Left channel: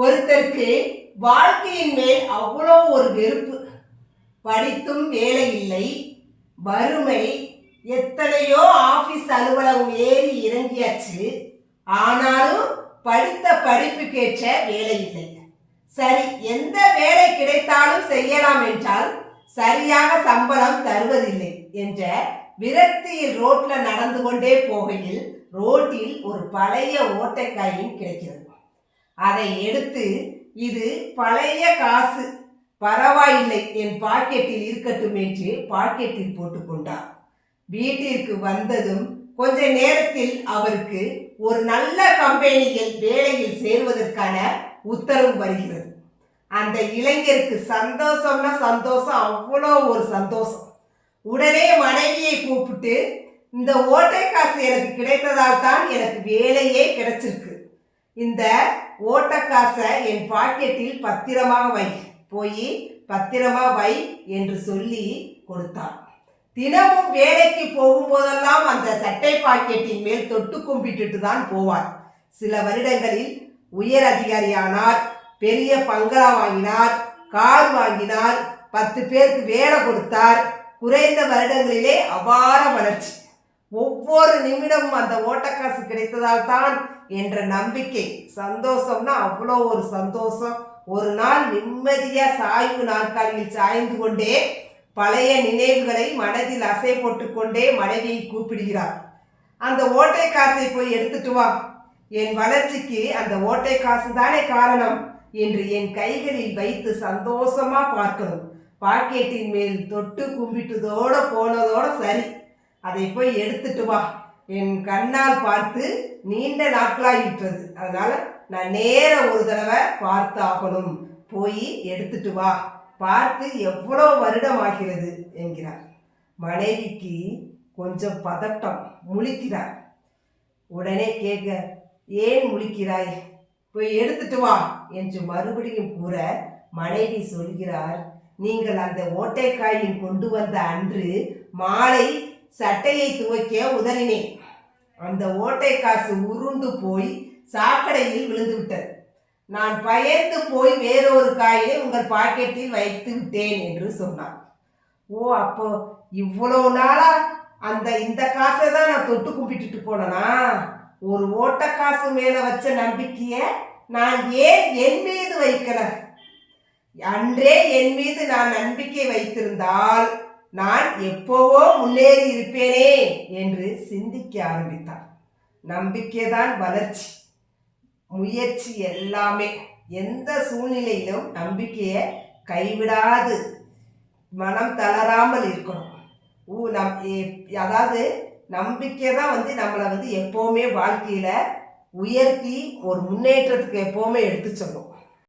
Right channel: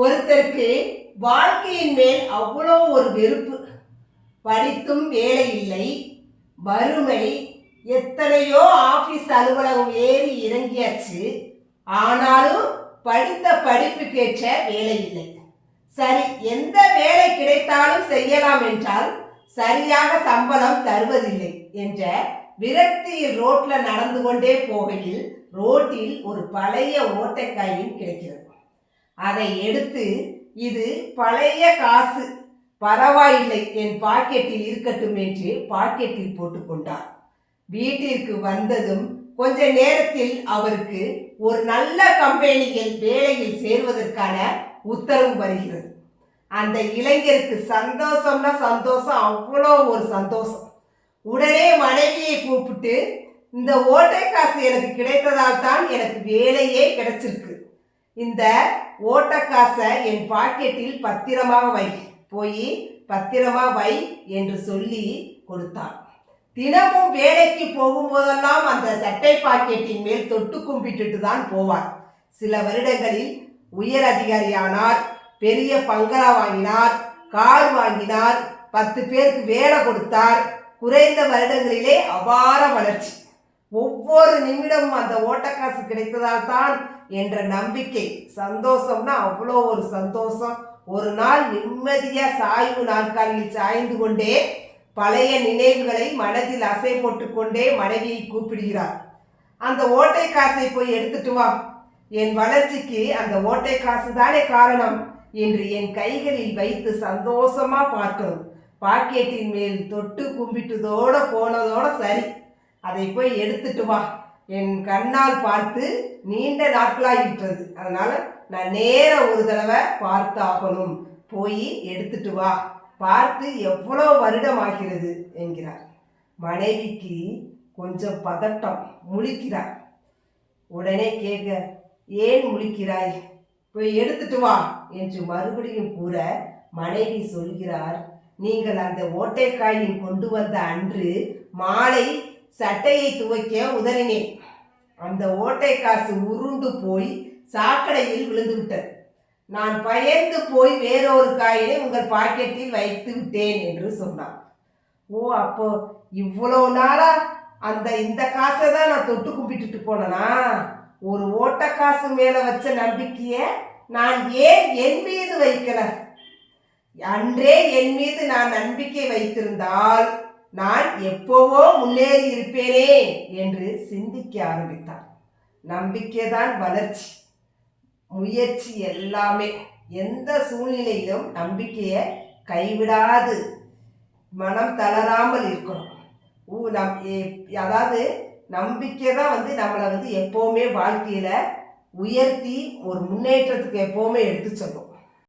ஒருத்தருக்கு வாழ்க்கையின் மேல் அவ்வளோ ஒரு வெறுப்பு. படித்தும் வேலை இல்லை. வறுமை எத்தனையோ ஆஃபீஸ் அலுவலகம் ஏறி இறங்கியாச்சு. ஆனாலும் படித்த படிப்புக்கேற்ற வேலை இல்லை. சரி எந்த வேலை கிடைத்தாலும் செய்யலாம் என்றால் சரியாக சம்பளம் தருவதில்லை என்ற விரக்தியில் ரோட்ல நடந்து கொண்டே போகையில் ரோட்டில் ஒரு பழைய ஓட்டைக்காயும் கிடைக்கிறது. அதை எடுத்து இது பழைய காசு. பரவாயில்லை என் பாக்கெட்டில் இருக்கட்டும் என்று பாக்கெட்டில் போட்டுக்கொண்டார். வீட்டிற்கு வந்ததும் கொஞ்ச நேரத்தில் அவருக்கு ஒரு நல்ல கம்பெனியில் வேலையில் சேர்வதற்கான உத்தரவு வருகிறது. அந்த இளைஞருக்கு சந்தோஷம்னா சந்தோஷம் அவ்வளோ ஒரு சந்தோஷம். உடனே மனைவியை கூப்பிட்டு இந்த ஓட்டை காசு எனக்கு கிடைத்ததால் தான் எனக்கு வேலையே கிடைச்சிருக்கு. இந்த ஓட்ட காசை என் பாக்கெட்டில் பத்திரமாக வை. போய் பத்திரமா வை என்று சொல்லி கொடுத்தான். தினமும் வேலைக்கு போகும்போதெல்லாம் அந்த சட்டை பாக்கெட்டின் மேல் தொட்டு கும்பிட்டுட்டு தான் போவார். சில வருடங்களில் உயர் அதிகாரியானார் பெரிய பங்களா வாங்கினார் கார் வாங்கினார் பத்து பேருக்கு வேலை கொடுத்தார். குறைந்த வருடங்களிலே அபார வளர்ச்சி. ஒவ்வொரு நிமிடமும் அந்த ஓட்டக்காசு கிடைத்ததால் தான் என்ற நம்பிக்கை. சந்தோஷம்னா அவ்வளோ ஒரு சந்தோஷம். ஒரு நாள் நிம்மதியா சாய்வு நாற்காலியில் சாய்ந்து கொண்டே பழைய நினைவுகளை மனதில் அசை போட்டுக்கொண்டே மனைவியை கூப்பிடுகிறார். அந்த ஓட்டை காசை போய் எடுத்துட்டு வா. என் வளர்ச்சிக்கு அந்த ஓட்டை காசு தானே காரணம் என்று என் கைகளில் வைத்து சந்தோஷமா பார்க்கணும். பாக்கெட்டின் மேல் தொட்டு கும்பிட்டதோட போனதோட சரி. அதை போய் எடுத்துட்டு வா. என் கண்ணால் பார்த்து நீண்ட நாட்களாகிட்டது அதனால நான் நேர ஒரு தடவை பார்த்தாகணும். போய் எடுத்துட்டு வா. பார்த்து எவ்வளோ வருடம் ஆகிறது என்கிறார். மனைவிக்கு கொஞ்சம் பதட்டம். முழிக்கிறார். உடனே கேட்க ஏன் முழிக்கிறாய்? போய் எடுத்துட்டு வா. என்று மறுபடியும் கூற மனைவி சொல்கிறார் நீங்கள் அந்த ஓட்டைக்காயின் கொண்டு வந்த அன்று மாலை சட்டையை துவைக்க உதறினேன். அந்த ஓட்டை காசு உருண்டு போய் சாக்கடையில் விழுந்து விட்டது. நான் பயந்து போய் வேறொரு காயினை உங்கள் பாக்கெட்டில் வைத்து விட்டேன் என்று சொன்னார். ஓ அப்போ இவ்வளோ நாளா அந்த இந்த காசை தான் நான் தொட்டு கும்பிட்டுட்டு போனேனா? ஒரு ஓட்ட காசு மேலே வச்ச நம்பிக்கையை நான் ஏன் என் மீது வைக்கல? அன்றே என் மீது நான் நம்பிக்கை வைத்திருந்தால் நான் எப்போவோ முன்னேறி இருப்பேனே என்று சிந்திக்க ஆரம்பித்தார். நம்பிக்கைதான் வளர்ச்சி. முயற்சி எல்லாமே. எந்த சூழ்நிலையிலும் நம்பிக்கையை கைவிடாது. மனம் தளராமல் இருக்கணும். ஊ நம் அதாவது நம்பிக்கை தான் வந்து நம்மளை வந்து எப்போவுமே வாழ்க்கையில் உயர்த்தி ஒரு முன்னேற்றத்துக்கு எப்போவுமே எடுத்து சொல்லும்.